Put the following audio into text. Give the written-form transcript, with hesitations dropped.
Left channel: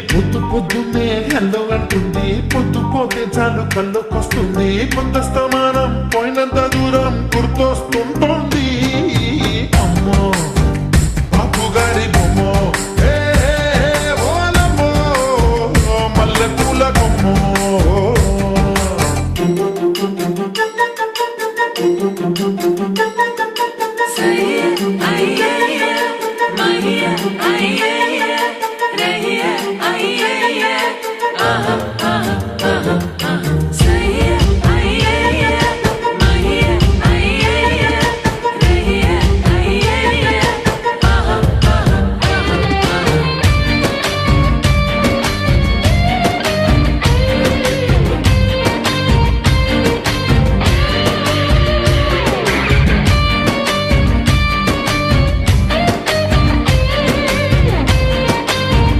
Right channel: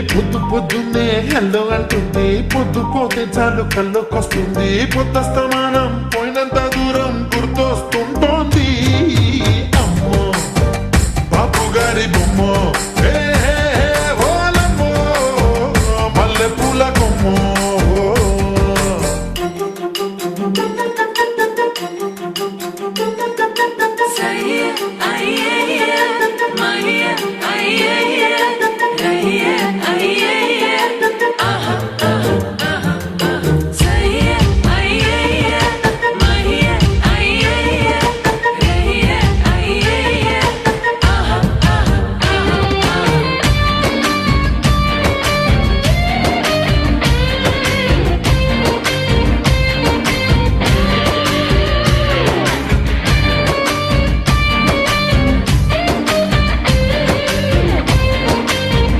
పొద్దు పొద్దున్నే హెల్లో అంటుంది, పొద్దు పోతే చాలు కళ్ళొకొస్తుంది, పొద్దస్తమానం పోయినంత దూరం గుర్తొస్తుంటోంది. అమ్మో బాపు గారి బొమ్మో, హే హే హే